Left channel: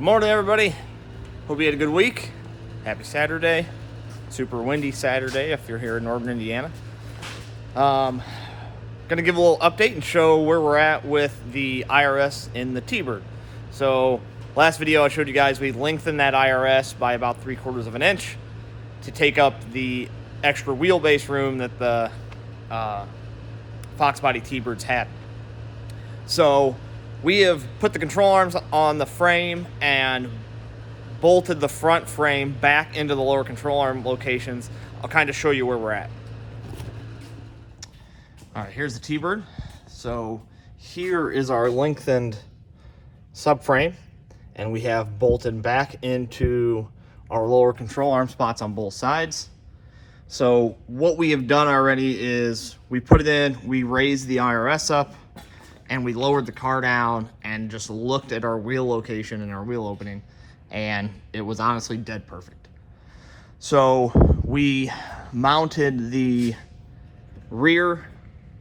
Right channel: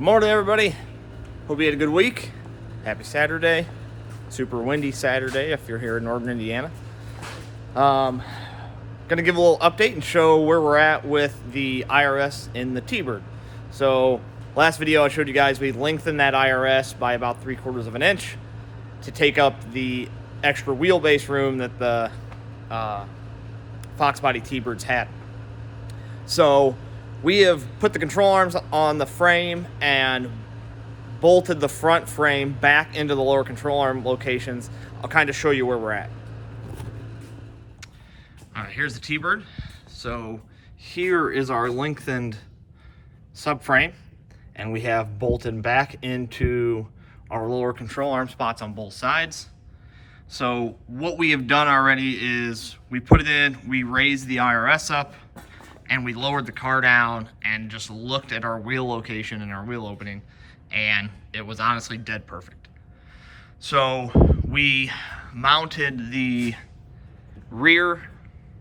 Good morning, everybody. Hope you had a good week. Happy Saturday. Super windy Saturday if you're here in northern Indiana. Gonna give a little update and show where we're at with the IRS in the T-Bird. So last video I showed you guys we lengthened that IRS by about 3/4 of an inch to take up the extra wheelbase room that the Fox body T-Birds had. So we have put the control arms on the frame and bolted the front frame back into the lower control arm locations. I'll kind of show you where we're at. All right, here's the T-Bird. So here is our lengthened subframe, and we have bolted back into our lower control arm spots on both sides. So what we have done already is we put it in, we raised the IRS up, and we lowered the car down and just looked at our wheel location and our wheel opening, and it was honestly dead perfect. So we mounted the rear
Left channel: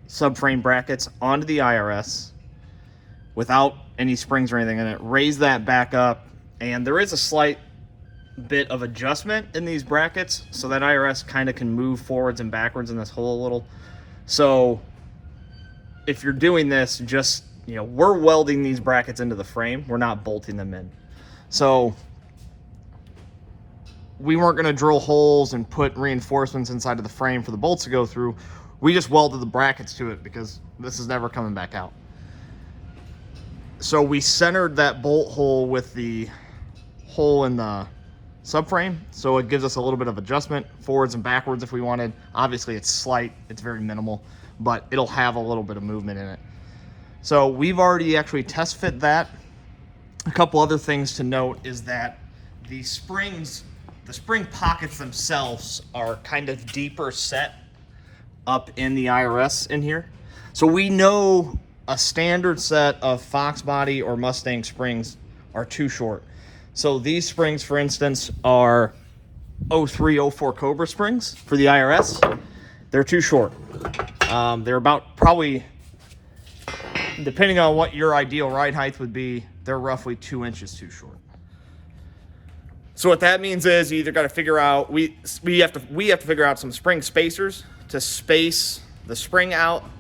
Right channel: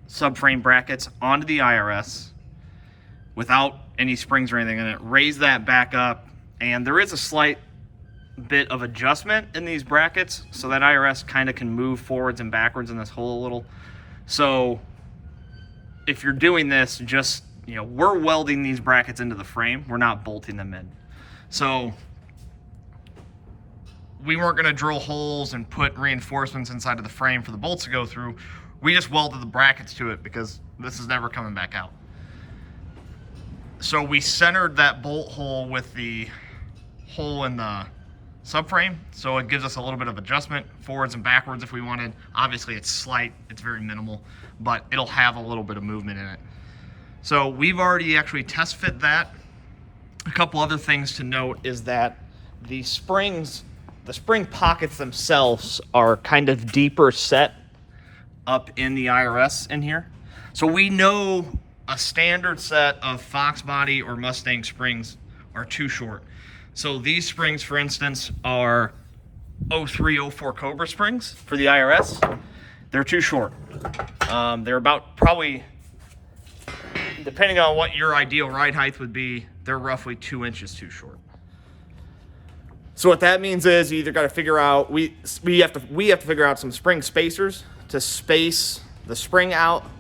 subframe brackets onto the IRS without any springs or anything in it, raised that back up, and there is a slight bit of adjustment in these brackets so that IRS kind of can move forwards and backwards in this hole a little. So if you're doing this, just, you know, we're welding these brackets into the frame. We're not bolting them in. So we weren't going to drill holes and put reinforcements inside of the frame for the bolts to go through. We just welded the brackets to it because this is never coming back out. So we centered that bolt hole with the hole in the subframe, so it gives us a little bit of adjustment forwards and backwards if we wanted. Obviously it's slight, it's very minimal, but it'll have a little bit of movement in it. So we've already actually test fit that. A couple other things to note is that the springs, the spring pockets themselves are kind of deeper set up in the IRS in here. So we know a standard set of Fox body or Mustang springs are too short. So these springs, for instance, are 03, 04 Cobra springs for the IRS. They're too short. They're about probably, depending on what your ideal ride height would be, they're roughly 2 inches too short. So what that means is you either got to figure out, we have to figure out some spring spacers to space the spring out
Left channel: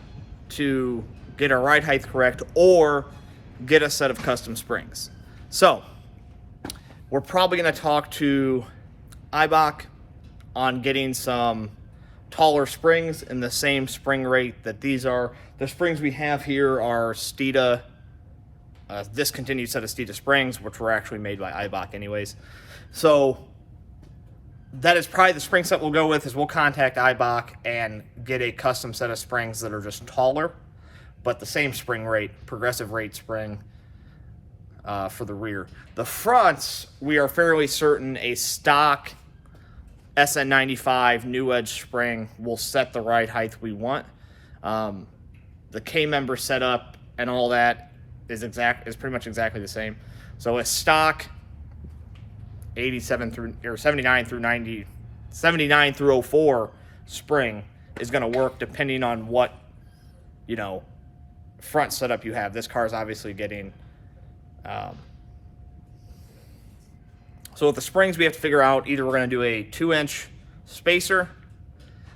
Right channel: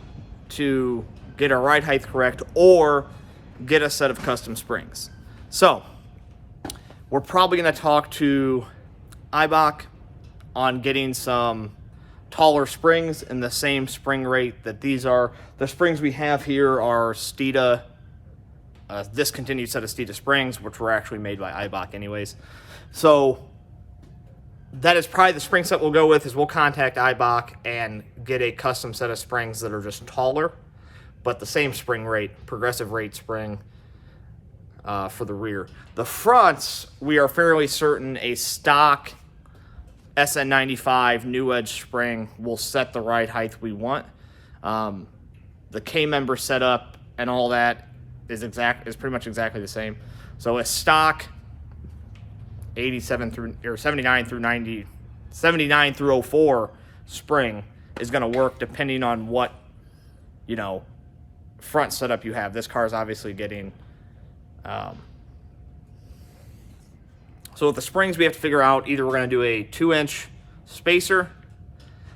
to get our ride height correct, or get a set of custom springs. So we're probably going to talk to Eibach on getting some taller springs in the same spring rate that these are. The springs we have here are Steeda, discontinued set of Steeda springs, which were actually made by Eibach anyways. So that is probably the spring set we'll go with. Is we'll contact Eibach and get a custom set of springs that are just taller, but the same spring rate, progressive rate spring for the rear. The fronts, we are fairly certain a stock SN95 new edge spring will set the ride height we want. The K-member setup and all that is pretty much exactly the same. So a stock 79 through 04 spring is going to work depending on what, you know, front setup you have. This car is obviously getting so with the springs we have to figure out, either we're going to do a 2-inch spacer,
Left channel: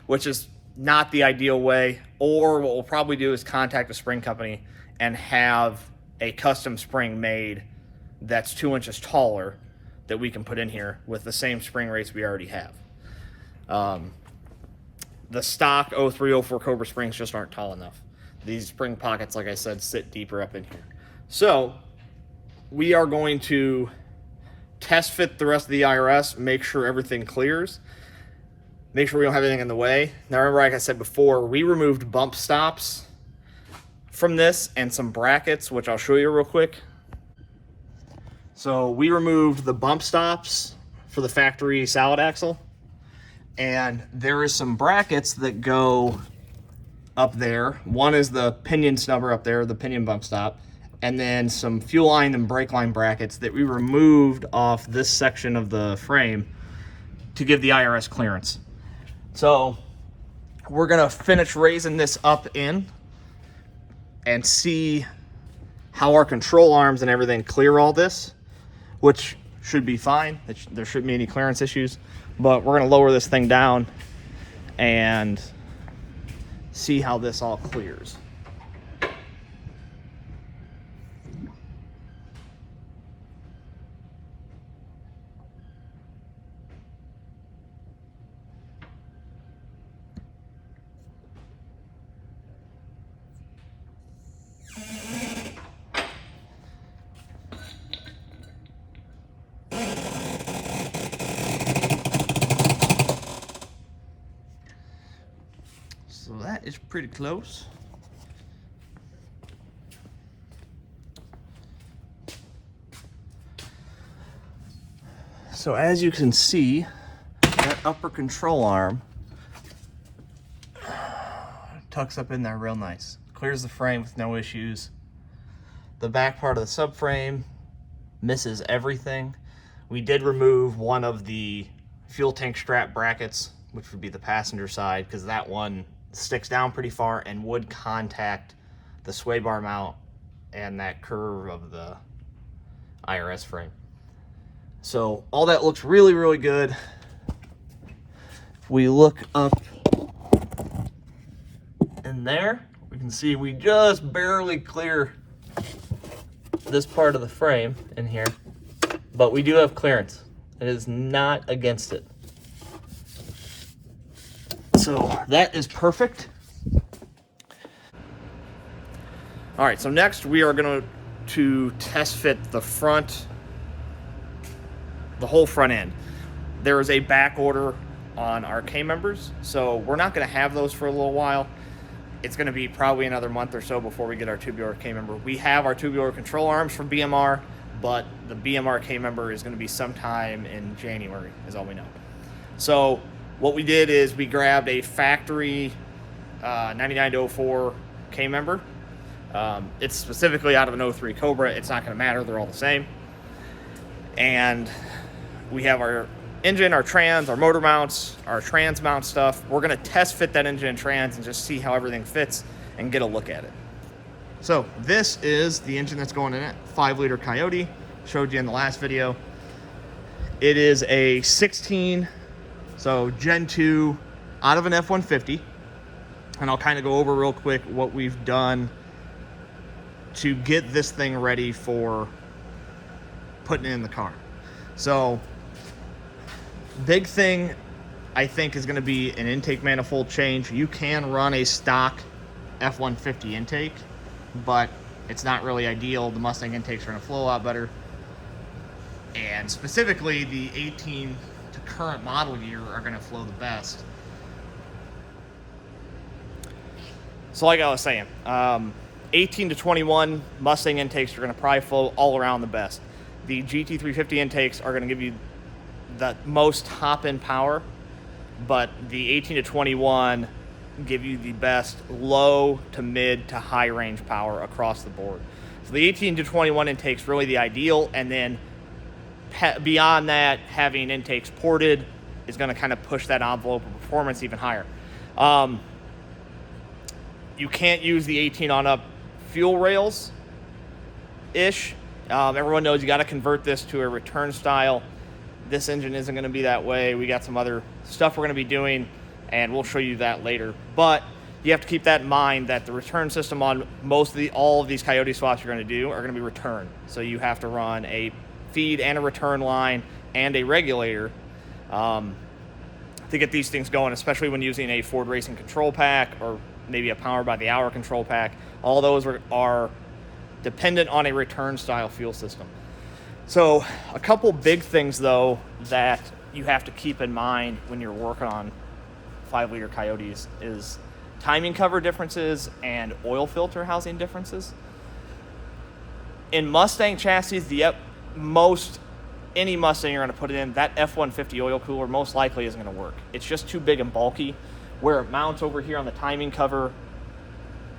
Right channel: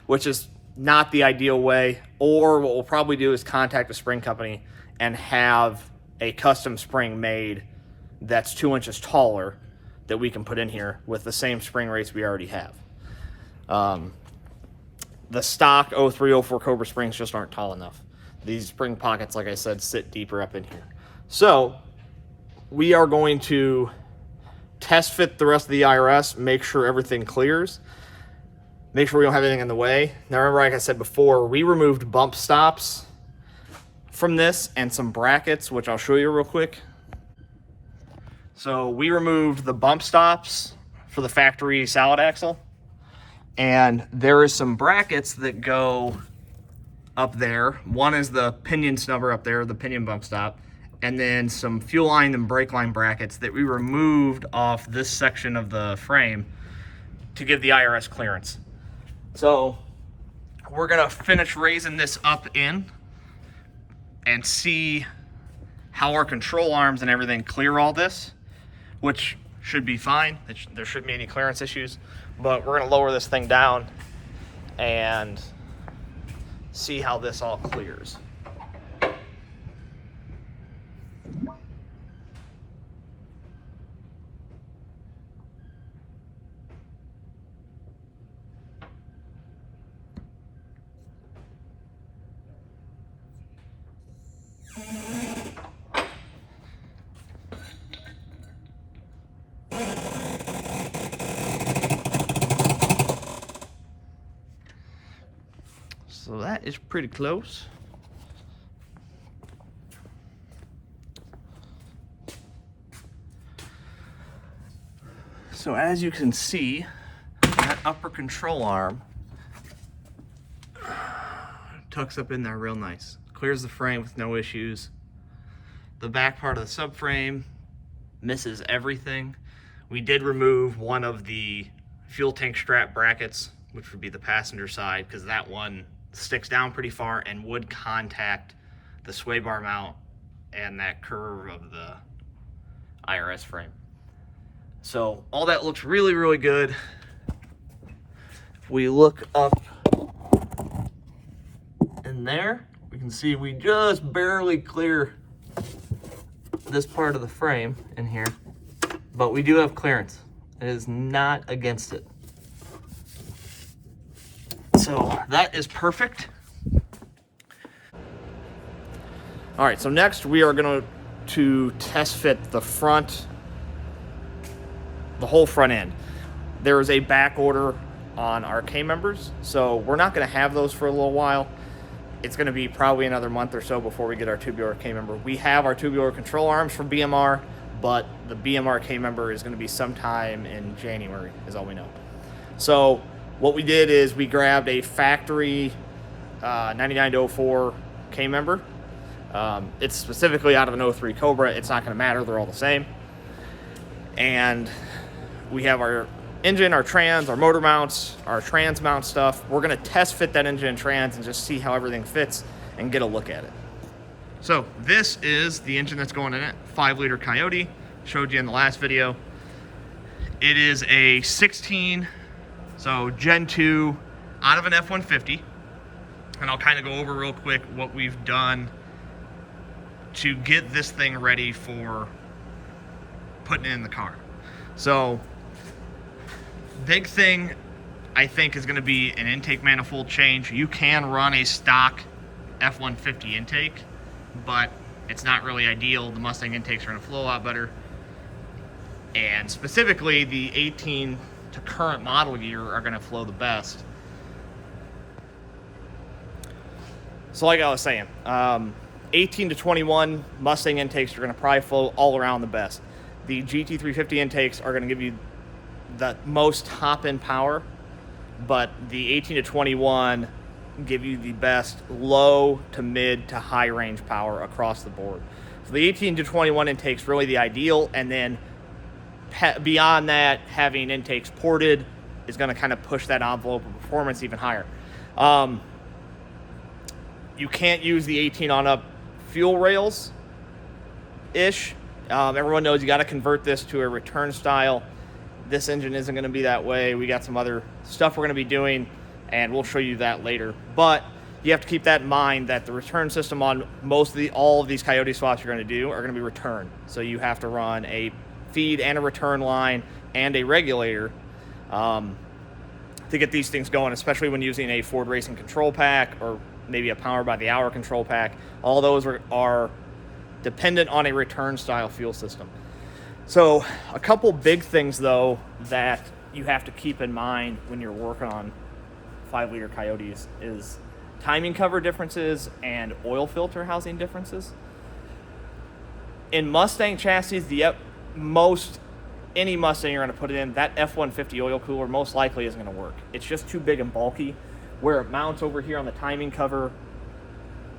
which is not the ideal way, or what we'll probably do is contact a spring company and have a custom spring made that's 2 inches taller that we can put in here with the same spring rates we already have. The stock 03, 04 Cobra springs just aren't tall enough. These spring pockets, like I said, sit deeper up in here. So we are going to test fit the rest of the IRS, make sure everything clears, make sure we don't have anything in the way. Now remember, like I said before, we removed bump stops from this and some brackets, which I'll show you real quick. So we removed the bump stops for the factory salad axle, and there is some brackets that go up there. One is the pinion snubber up there, the pinion bump stop, and then some fuel line and brake line brackets that we removed off this section of the frame to give the IRS clearance. So we're gonna finish raising this up in and see how our control arms and everything clear all this. which should be fine. There shouldn't be any clearance issues, but we're gonna lower this thing down and see how this all clears. So that is pretty close. So as you can see, that upper control arm tucks up in there real nice. Clears the frame with no issues. The back part of the subframe misses everything. We did remove one of the fuel tank strap brackets, which would be the passenger side, because that one sticks down pretty far and would contact the sway bar mount and that curve of the IRS frame. So all that looks really, really good. We look up in there, we can see we just barely clear this part of the frame in here, but we do have clearance. It is not against it. So that is perfect. All right, so next we are going to test fit the front, the whole front end. There is a back order on our K-members, so we're not going to have those for a little while. It's going to be probably another month or so before we get our tubular K-member. We have our tubular control arms from BMR, but the BMR K-member is going to be sometime in January, is all we know. So what we did is we grabbed a factory 99-04 K-member. It's specifically out of an 03 Cobra. It's not going to matter. They're all the same. And we have our engine, our trans, our motor mounts, our trans mount stuff. We're going to test fit that engine and trans and just see how everything fits and get a look at it. So this is the engine that's going in it, 5-liter Coyote. Showed you in the last video. It is a 16, so Gen 2 out of an F-150. And I'll kind of go over real quick what we've done to get this thing ready for putting it in the car. So big thing I think is going to be an intake manifold change. You can run a stock F-150 intake, but it's not really ideal. The Mustang intakes are going to flow a lot better. And specifically the 18 to current model year are going to flow the best. So like I was saying, 18 to 21 Mustang intakes are going to probably flow all around the best. The GT350 intakes are going to give you the most top-end power, but the 18 to 21 give you the best low to mid to high range power across the board. So the 18 to 21 intakes really the ideal, and then beyond that, having intakes ported is going to kind of push that envelope of performance even higher. You can't use the 18 on up fuel rails ish. Everyone knows you got to convert this to a return style. This engine isn't going to be that way. We got some other stuff we're going to be doing, and we'll show you that later. But you have to keep that in mind that the return system on all of these Coyote swaps you're going to do are going to be return. So you have to run a feed and a return line and a regulator to get these things going, especially when using a Ford Racing control pack or maybe a Power by the Hour control pack. All those are dependent on a return style fuel system. So a couple big things though that you have to keep in mind when you're working on 5-liter Coyotes is timing cover differences and oil filter housing differences. In Mustang chassis, any Mustang you're going to put it in, that F-150 oil cooler most likely isn't going to work. It's just too big and bulky. Where it mounts over here on the timing cover,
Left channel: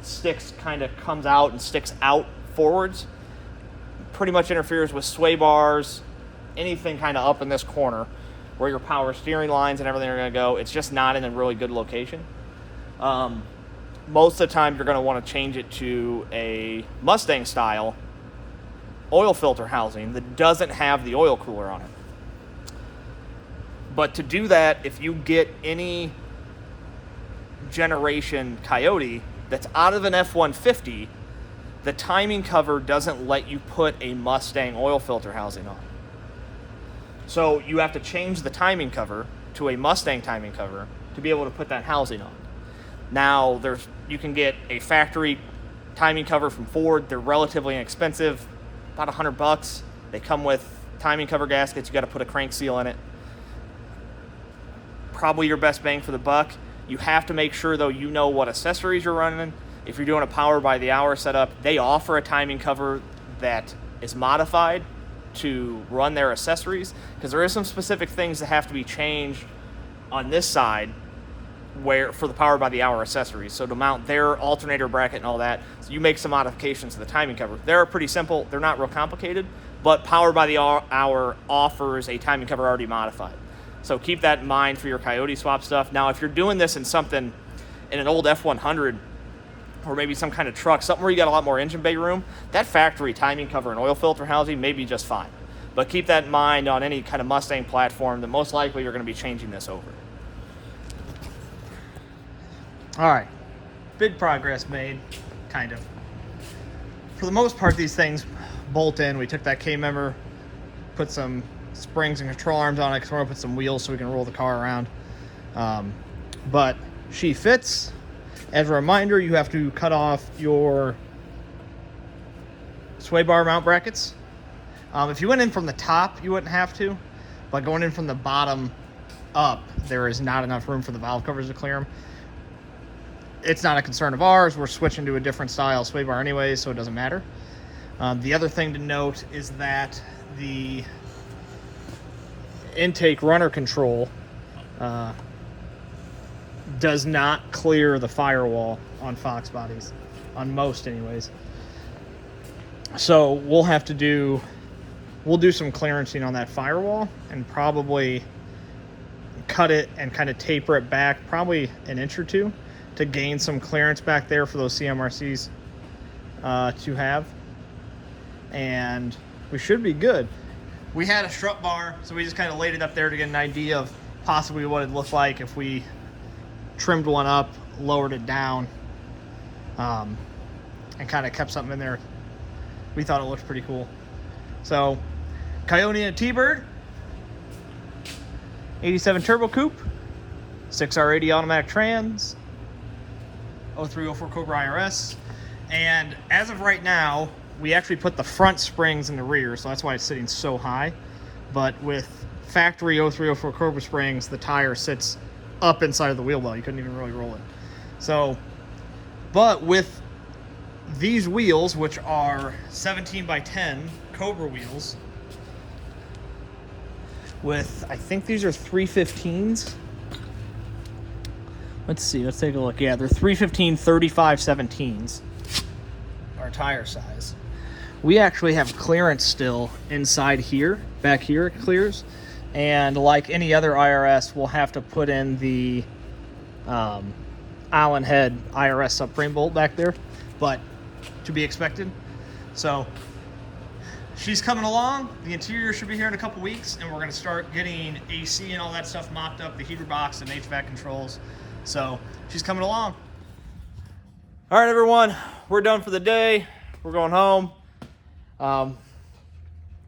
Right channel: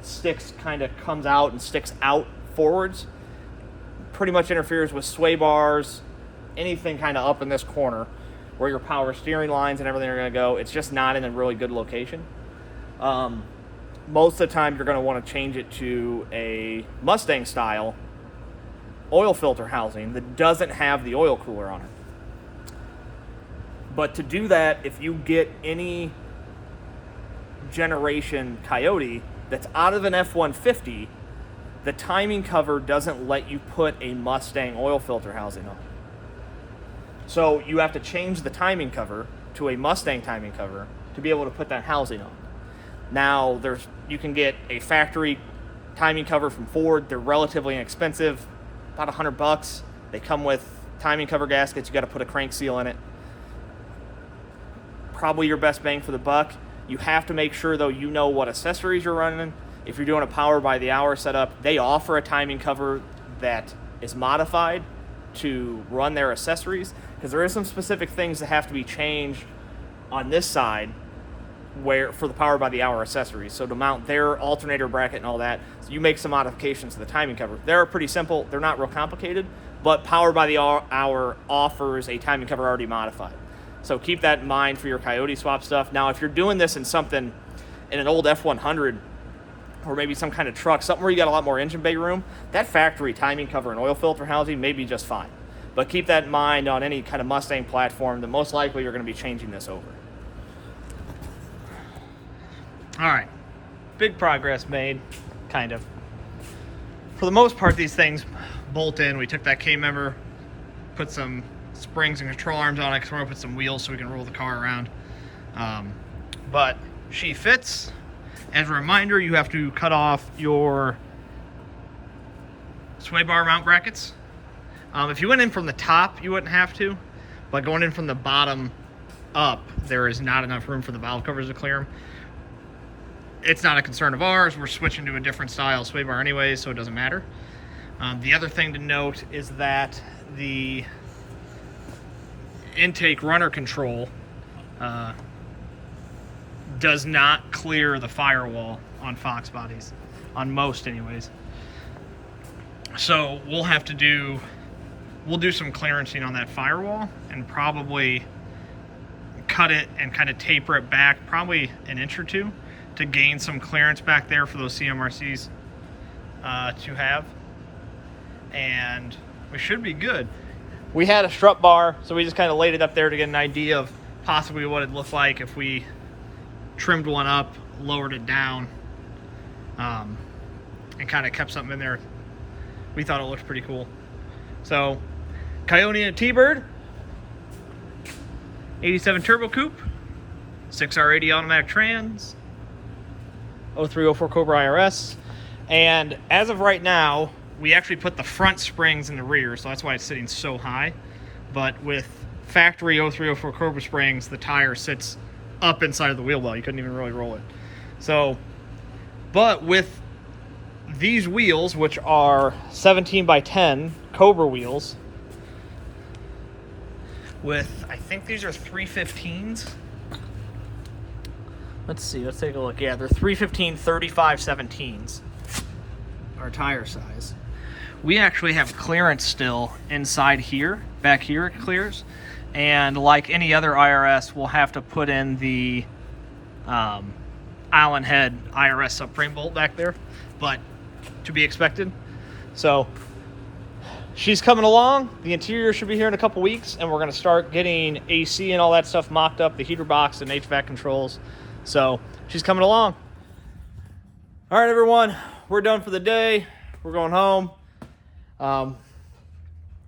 comes out and sticks out forwards, pretty much interferes with sway bars, anything kind of up in this corner where your power steering lines and everything are going to go. It's just not in a really good location. Most of the time you're going to want to change it to a Mustang style oil filter housing that doesn't have the oil cooler on it. But to do that, if you get any generation Coyote that's out of an F-150, the timing cover doesn't let you put a Mustang oil filter housing on. So you have to change the timing cover to a Mustang timing cover to be able to put that housing on. Now, you can get a factory timing cover from Ford. They're relatively inexpensive, about $100. They come with timing cover gaskets. You got to put a crank seal in it. Probably your best bang for the buck. You have to make sure, though, you know what accessories you're running. If you're doing a power by the hour setup, they offer a timing cover that is modified to run their accessories, because there is some specific things that have to be changed on this side for the power by the hour accessories. So to mount their alternator bracket and all that, so you make some modifications to the timing cover. They're pretty simple. They're not real complicated, but power by the hour offers a timing cover already modified. So keep that in mind for your Coyote swap stuff. Now, if you're doing this in an old F-100 or maybe some kind of truck, something where you got a lot more engine bay room, that factory timing cover and oil filter housing may be just fine. But keep that in mind on any kind of Mustang platform that most likely you're going to be changing this over. All right, big progress made, kind of. For the most part, these things bolt in. We took that K-member, put some springs and control arms on it because we're going to put some wheels so we can roll the car around. But she fits. As a reminder, you have to cut off your sway bar mount brackets. If you went in from the top, you wouldn't have to, but going in from the bottom up, there is not enough room for the valve covers to clear them. It's not a concern of ours. We're switching to a different style sway bar anyway, so it doesn't matter. The other thing to note is that the intake runner control does not clear the firewall on Fox bodies, on most anyways. So we'll do some clearancing on that firewall and probably cut it and kind of taper it back probably an inch or two to gain some clearance back there for those CMRCs to have. And we should be good. We had a strut bar, so we just kind of laid it up there to get an idea of possibly what it'd look like if we trimmed one up, lowered it down, and kind of kept something in there. We thought it looked pretty cool. So, Coyote and a T-Bird, 87 Turbo Coupe, 6R80 automatic trans, 0304 Cobra IRS, and as of right now, we actually put the front springs in the rear, so that's why it's sitting so high. But with factory 0304 Cobra springs, the tire sits up inside of the wheel well. You couldn't even really roll it. So, but with these wheels, which are 17 by 10 Cobra wheels, with, I think these are 315s. Let's see, let's take a look. Yeah, they're 315 35/17s, our tire size. We actually have clearance still inside here. Back here it clears. And like any other IRS, we'll have to put in the Allen head IRS subframe bolt back there, but to be expected. So she's coming along. The interior should be here in a couple weeks, and we're going to start getting AC and all that stuff mocked up, the heater box and HVAC controls. So she's coming along. All right, everyone, we're done for the day. We're going home.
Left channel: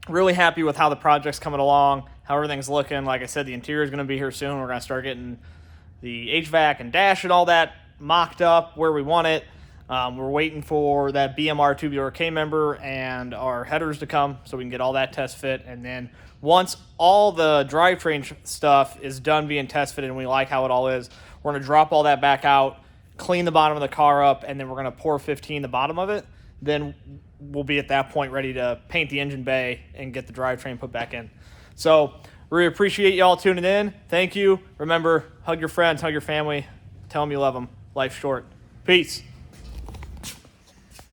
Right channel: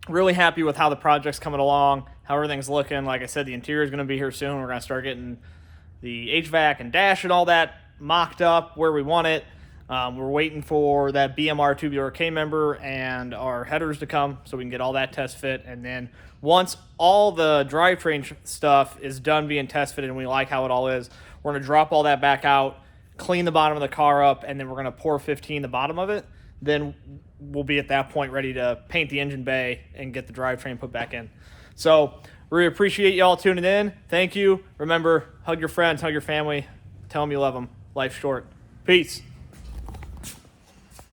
Really happy with how the project's coming along, how everything's looking. Like I said, the interior is going to be here soon. We're going to start getting the HVAC and dash and all that mocked up where we want it. We're waiting for that BMR tubular K-member and our headers to come so we can get all that test fit. And then once all the drivetrain stuff is done being test fitted and we like how it all is, we're going to drop all that back out, clean the bottom of the car up, and then we're going to pour 15 the bottom of it. Then we'll be at that point ready to paint the engine bay and get the drivetrain put back in. So we appreciate y'all tuning in. Thank you. Remember, hug your friends, hug your family. Tell them you love them. Life's short. Peace.